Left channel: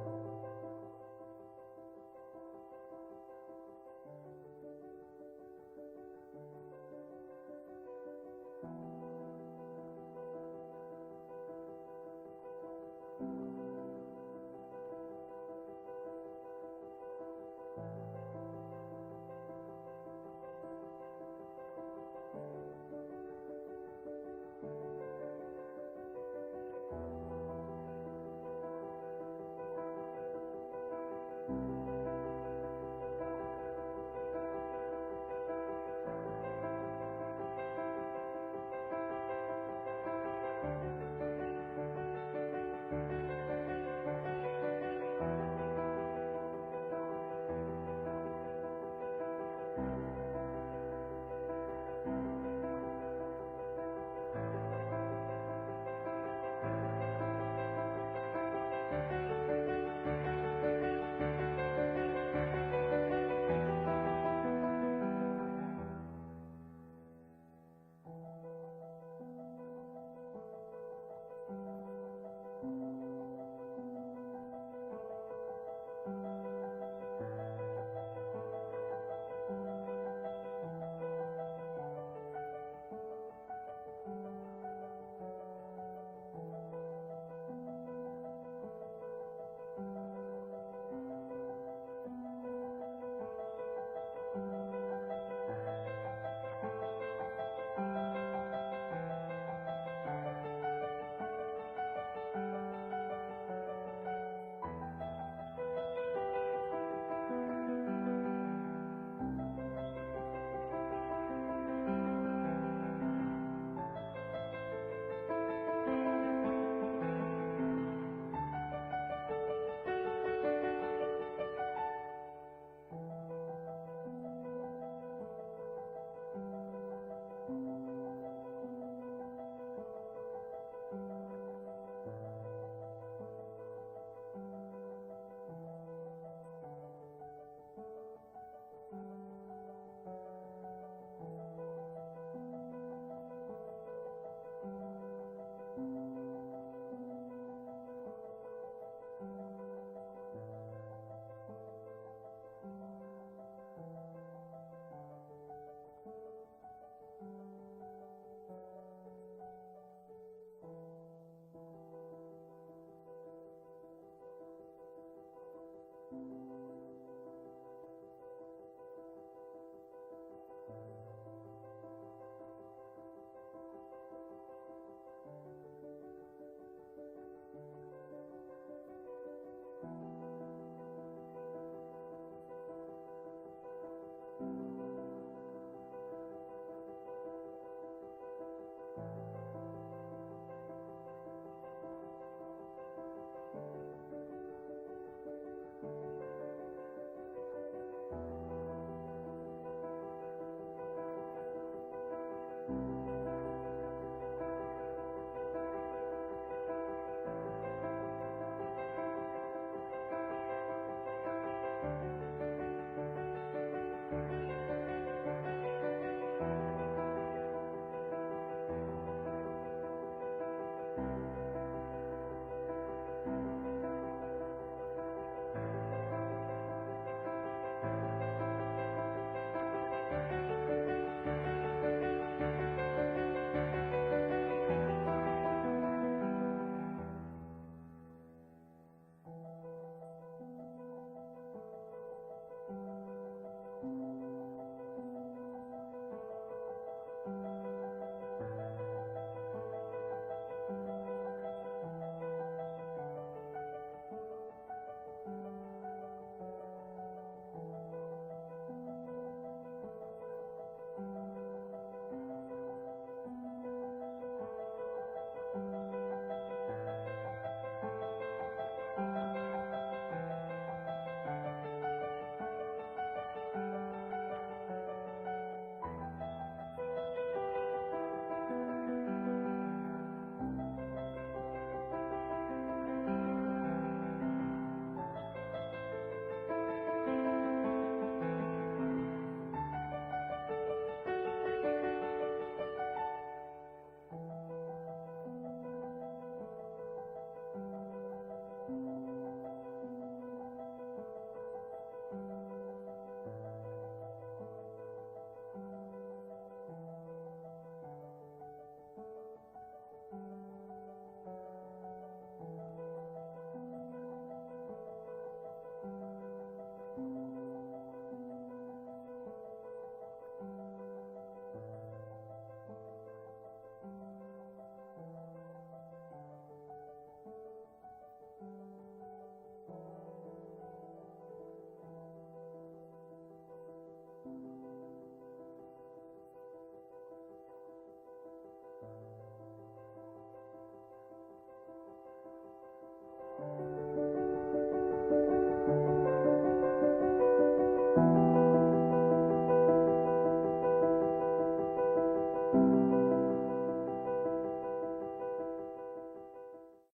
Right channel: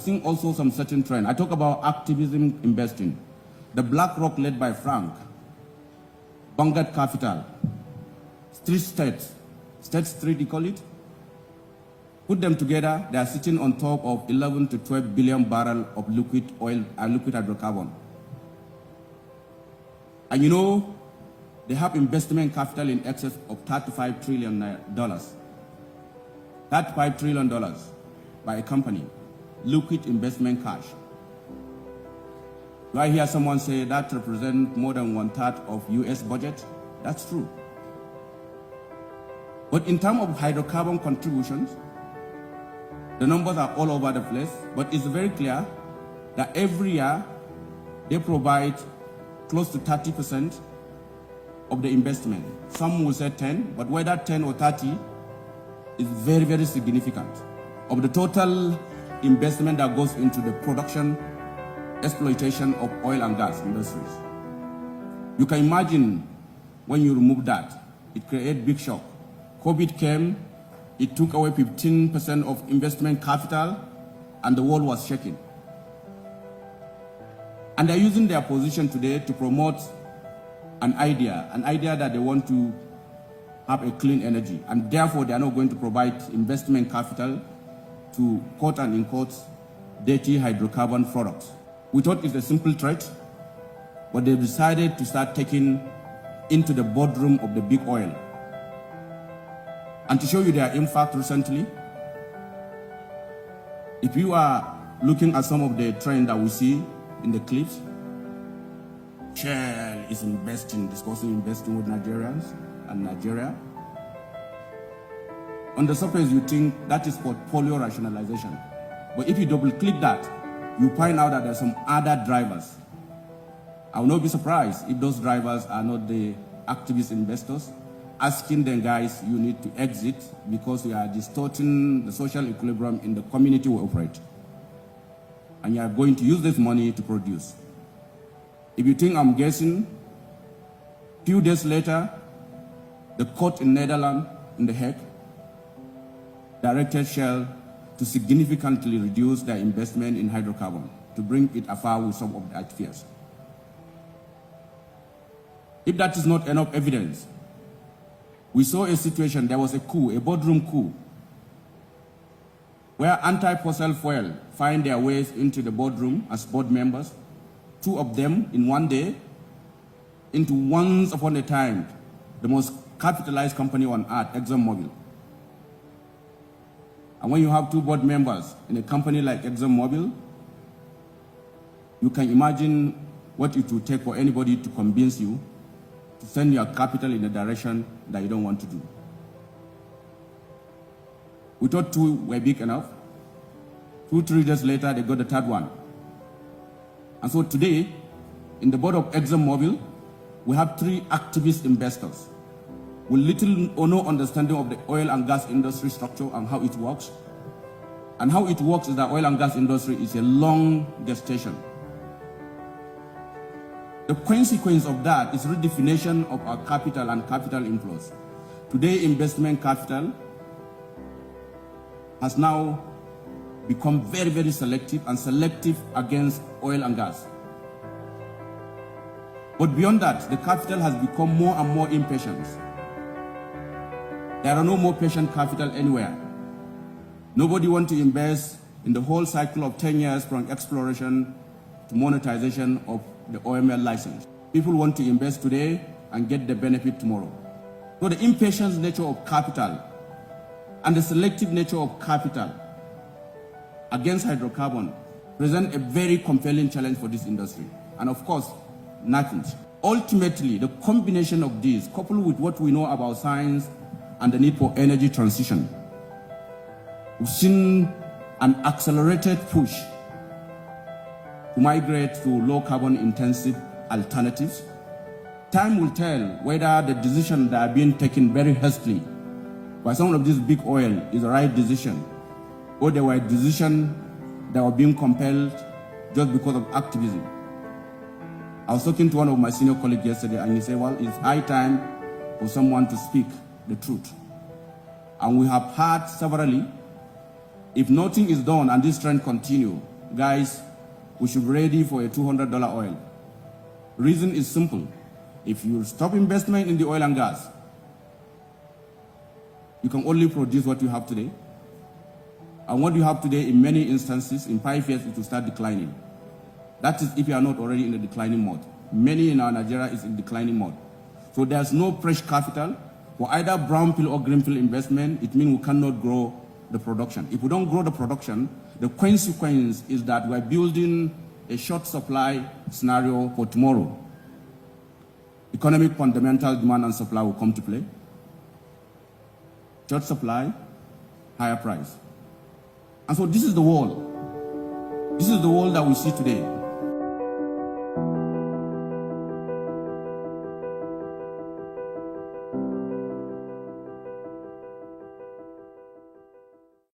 seeing also some certain trend. I talk about activism investing. The BlackRock led by Frank, Vanguard Capital, State Street, you call it. Put them together, they are sitting on top of 11 to 12 billion barrels of liquid oil and liquid hydrocarbon. And you know, they have investment capital in excess of $35 trillion. $35 trillion by a company, liquid investment cash. Do I hear someone say that represents more than 1/3 of US budget? That's true. But in terms of hydrocarbon contributions, the numbers are all over the place, but it's very clear that every year they provide close to 30% of the investment. Some will say 10, but whether 10 or 30 is very, very significant of the total investment that goes into the production, exploitation of oil and gas industries. You can imagine when you remove that, it creates big shock. COVID came, it took away 15% of investment capital, and the world was shaking. And they're using their position today to promote an idea that they want to have a clean energy, and therefore they are not going to provide investment capital to quote and unquote dirty hydrocarbon products. We thought it's a simple threat, but they decided to start taking into the boardroom of the big oil. And to show you their impact recently, if you are looking at some of the trends that we see in the clips, Shell is discussing investing with Nigerians and Nigeria. On the surface, you think that is portfolio rationalization. But if you double click that, you find out that there are some other drivers. I will not be surprised if those drivers are not the activist investors asking them, guys, you need to exit because we are distorting the social equilibrium in the community we operate. And you are going to use this money to produce. If you think I'm guessing, a few days later, the court in Netherlands, in The Hague, directed Shell to significantly reduce their investment in hydrocarbon to bring it afar with some of the fears. If that is not enough evidence, we saw a situation, there was a coup, a boardroom coup, where anti-fossil fuel find their ways into the boardroom as board members, 2 of them in one day, into once upon a time, the most capitalized company on earth, ExxonMobil. And when you have 2 board members in a company like ExxonMobil, you can imagine what it would take for anybody to convince you to send your capital in a direction that you don't want to do. We thought 2 were big enough. 2-3 days later, they got the 3rd one. And so today, in the board of ExxonMobil, we have 3 activist investors with little or no understanding of the oil and gas industry structure and how it works. And how it works is that oil and gas industry is a long gestation. The consequence of that is redefinition of our capital and capital inflows. Today, investment capital has now become very, very selective and selective against oil and gas. But beyond that, the capital has become more and more impatient. There are no more patient capital anywhere. Nobody wants to invest in the whole cycle of 10 years from exploration to monetization of the OML license. People want to invest today and get the benefit tomorrow. So the impatient nature of capital and the selective nature of capital against hydrocarbon present a very compelling challenge for this industry. And of course, nothing. Ultimately, the combination of these, coupled with what we know about science and the need for energy transition, we've seen an accelerated push to migrate to low carbon intensive alternatives. Time will tell whether the decisions that are being taken very hastily by some of this big oil is the right decision, or they were decisions that were being compelled just because of activism. I was talking to one of my senior colleagues yesterday, and he said, well, it's high time for someone to speak the truth. And we have heard severally, if nothing is done and this trend continues, guys, we should be ready for a $200 oil. Reason is simple. If you stop investment in the oil and gas, you can only produce what you have today. And what you have today, in many instances, in 5 years, it will start declining. That is if you are not already in a declining mode. Many in our Nigeria is in declining mode. So there's no fresh capital for either brownfield or greenfield investment. It means we cannot grow the production. If we don't grow the production, the consequence is that we're building a short supply scenario for tomorrow. Economic fundamental demand and supply will come to play. Short supply, higher price. And so this is the world. This is the world that we see today.